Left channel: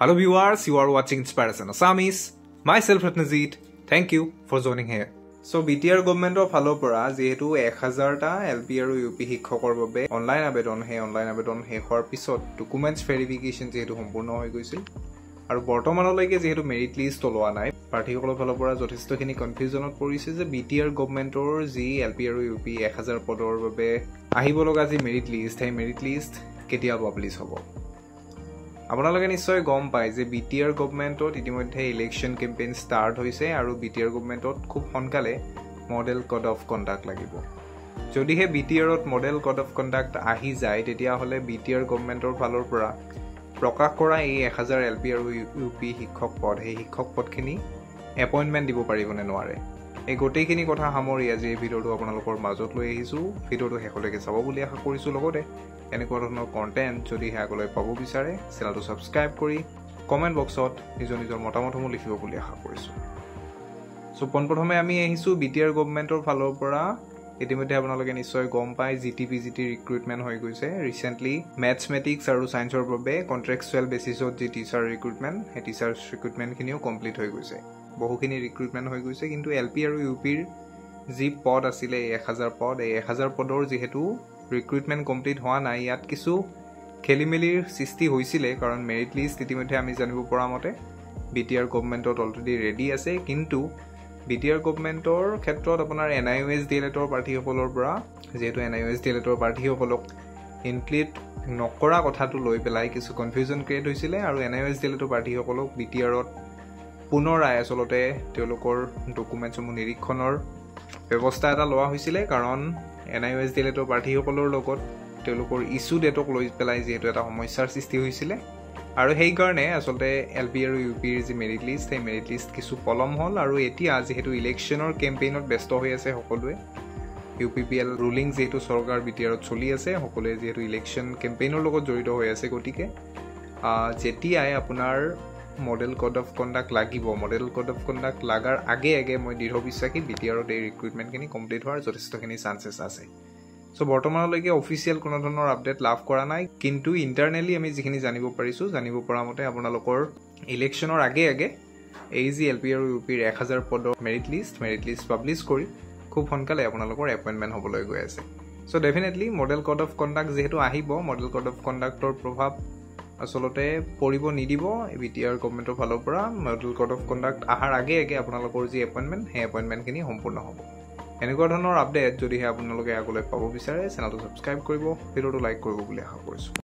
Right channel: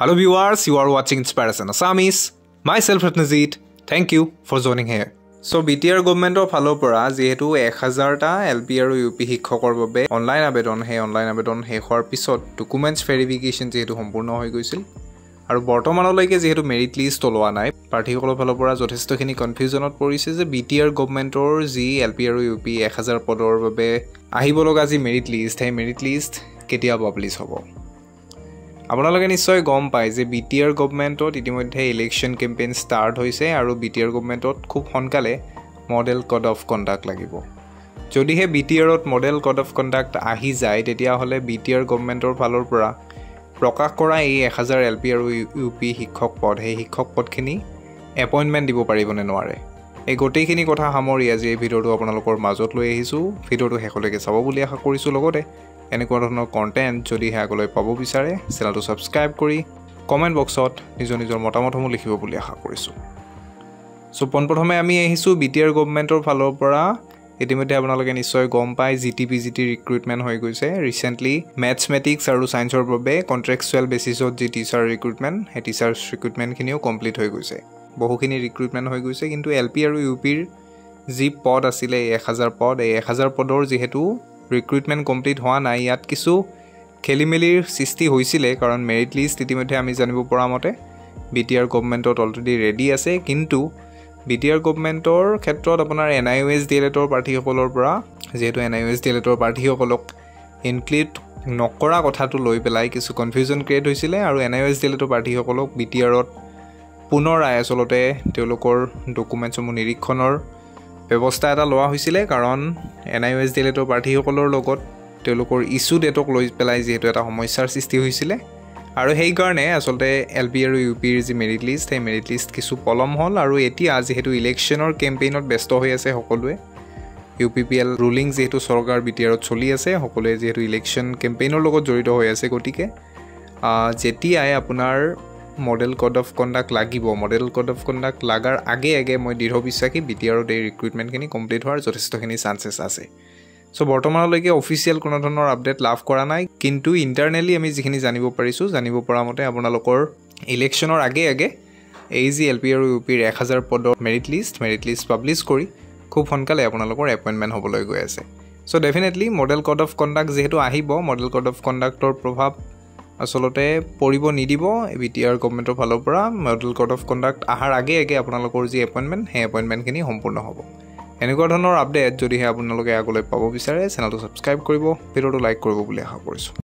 Hello viewers, you are watching Inspiration Assamese. Myself Ratnajit. Thank you for joining here. So BTR government of Halopora যেহেতু 1000টা LP আৰু UP শিক্ষকৰ বাবে online আবেদন শেষ হোৱাৰ পিছত ডকুমেন্টছ ভেৰিফিকেশন যেহেতু সম্পূৰ্ণ হৈ গৈছিল আৰু বৰ্তমানলৈকে যেহেতু মেৰিট লিষ্ট ওলোৱা নাই প্ৰাৰ্থীসকলৰ ফালৰ পৰা যথেষ্টখিনি কনফিউজনত পৰিছে যে BTR গভৰ্ণমেণ্টৰ যি LP আৰু UP 1000 পদৰ বাবে আহিব লগা যি মেৰিট লিষ্ট কেতিয়া পাব্লিছ হ'ব আপোনালোকে নিশ্চয় গম পায় যে BTR গভৰ্ণমেণ্টত ইতিমধ্যে ইলেকশ্যন কেম্পেইন ষ্টাৰ্ট হৈছে আৰু BTR গভৰ্ণমেণ্টত খুব সোনকালে মডেল কোড অফ কণ্ডাক্ট লাগিব যদিহে BTRত মডেল কোড অফ কণ্ডাক্ট আহি যায় তেতিয়া হলে BTR গভৰ্ণমেণ্টৰ ফালৰ পৰা প্ৰকাশ কৰা এই 1000 LP আৰু UP শিক্ষক পদ সেই শিক্ষক পদখিনি এপইন্টমেন্ট দিব পাৰিবনে নোৱাৰে এই গোটেইখিনি কথা সামৰি আজি এই ভিডিঅটো আপোনালোকৰ মাজত লৈ আহিছো ভিডিঅটো শেষলৈকে চাব বুলি আশা কৰিছো লগতে এনেকুৱা ধৰণৰ কন্টেন্ট যদি আগলৈ পাব বিচাৰে চেনেলটো সাবস্ক্ৰাইব কৰি কমেন্ট বক্সত নিজৰ মতামতসমূহ লিখিব বুলি আশা কৰিছো সো পোনপ্ৰথমে আমি আহিছো BTR গভৰ্ণমেণ্টৰ ফালৰ পৰা ইতিমধ্যে আপোনালোকে নিশ্চয় গম পায় GTPGT ৰিক্ৰুটমেন্ট হৈ গৈছে ৰিসেন্টলি ম্যাথমেটিক্স আৰু সায়েন্সৰ বাবে কন্ট্ৰাকচুৱেল বেচিছত যি টিচাৰ ৰিক্ৰুটমেন্ট হে টিচাৰ ৰিক্ৰুটমেন্টখিনিও কমপ্লিট হৈ গৈছে বহুখিনি ৰিক্ৰুটমেন্ট হৈ গৈছে কিন্তু LP আৰু UPৰ যি পদ আছিল 1000 পদ এই 1000 পদৰ যেহেতু ৰিক্ৰুটমেন্ট কমপ্লিট হোৱা নাই ইয়াত কিছু খেলিমেলিৰ সৃষ্টি হৈছিল কাৰণ মেৰিট লিষ্ট ইতিমধ্যে আমি জানিব পৰা মতে BTR গভৰ্ণমেণ্টত অলৰেডি ৰেডি আছে কিন্তু BTR গভৰ্ণমেণ্টৰ ক্ষেত্ৰত আপোনাৰ NIOS DLEDৰ প্ৰাৰ্থীসকলৰ পৰা যেহেতু NIOS DLEDৰ প্ৰাৰ্থীসকলক ইনক্লুড নকৰা কথাটো লৈ পেলাই কিছু কনফিউজন ক্ৰিয়েট হৈছিল আৰু NIOS DLEDৰ প্ৰাৰ্থীসকলক BTRত পুনৰ আচলতে তেওঁলোকৰ ডকুমেন্টসমূহ নিৰীক্ষণৰ ব্যৱস্থা এটা লোৱা হৈছিল কাৰণ NIOS DLEDৰ প্ৰাৰ্থীসকলৰ লগত তেওঁলোকৰ ইস্যু ডেটক লৈ পেলাই যেহেতু এটা সমস্যাৰ সৃষ্টি হৈছিল আৰু সেই কাৰণে আসলতে LP আৰু UPৰ যি মেৰিট লিষ্ট সেই মেৰিট লিষ্ট কিছু পলম হল আৰু এতিয়া যেহেতু ইলেকশ্যনৰ কেম্পেইনত ব্যস্ত হৈ আছে সকলোৱে UPPL ৰুলিং যেহেতু চৰকাৰ BTRত চলি আছে সকলোৱে যেহেতু ইলেকশ্যন কেম্পেইনৰ লগত জড়িত হৈ আছে গতিকে যেতিয়াই আপোনাৰ মডেল কোড অফ কণ্ডাক্ট লাগিব মডেল কোড অফ কণ্ডাক্ট লাগাৰ আগে মই দৃঢ় বিশ্বাসী BTRত এই ৰিক্ৰুটমেন্টখিনি কমপ্লিট হোৱাৰ যথেষ্টখিনি চান্সেছ আছে সো বৰ্তমানলৈকে অফিচিয়েল কোনো ধৰণৰ আপডেট লাভ কৰা নাই কিন্তু ইন্টাৰনেলি আমি যিখিনি জানিব পৰা মতে আপোনালোকৰ ইলেকশ্যনৰ আগে এই যি LP আৰু UPৰ 1000 পদৰ মেৰিট লিষ্ট পাব্লিছ কৰি খুব সোনকালে আপোনালোকৰ এপইন্টমেন্ট হ'বলৈ গৈ আছে so definitely model code of conduct যেহেতু আহিব মডেল কোড অফ কণ্ডাক্টৰ প্ৰভাৱ আসলতে পৰিব নিদিব BTR গভৰ্ণমেণ্টৰ ফালৰ পৰা মডেল কোড অফ কণ্ডাক্ট আহাৰ আগে আপোনালোকৰ যি এপইন্টমেন্ট সেই এপইন্টমেন্টখিনি সম্পূৰ্ণ হ'ব এনেকুৱা ধৰণৰ আপডেট যদিহে আপোনালোকে আগলৈ পাব বিচাৰে চেনেলটো সাবস্ক্ৰাইব কৰিব ভিডিঅটো লাইক কৰিব বুলি আশা কৰিছো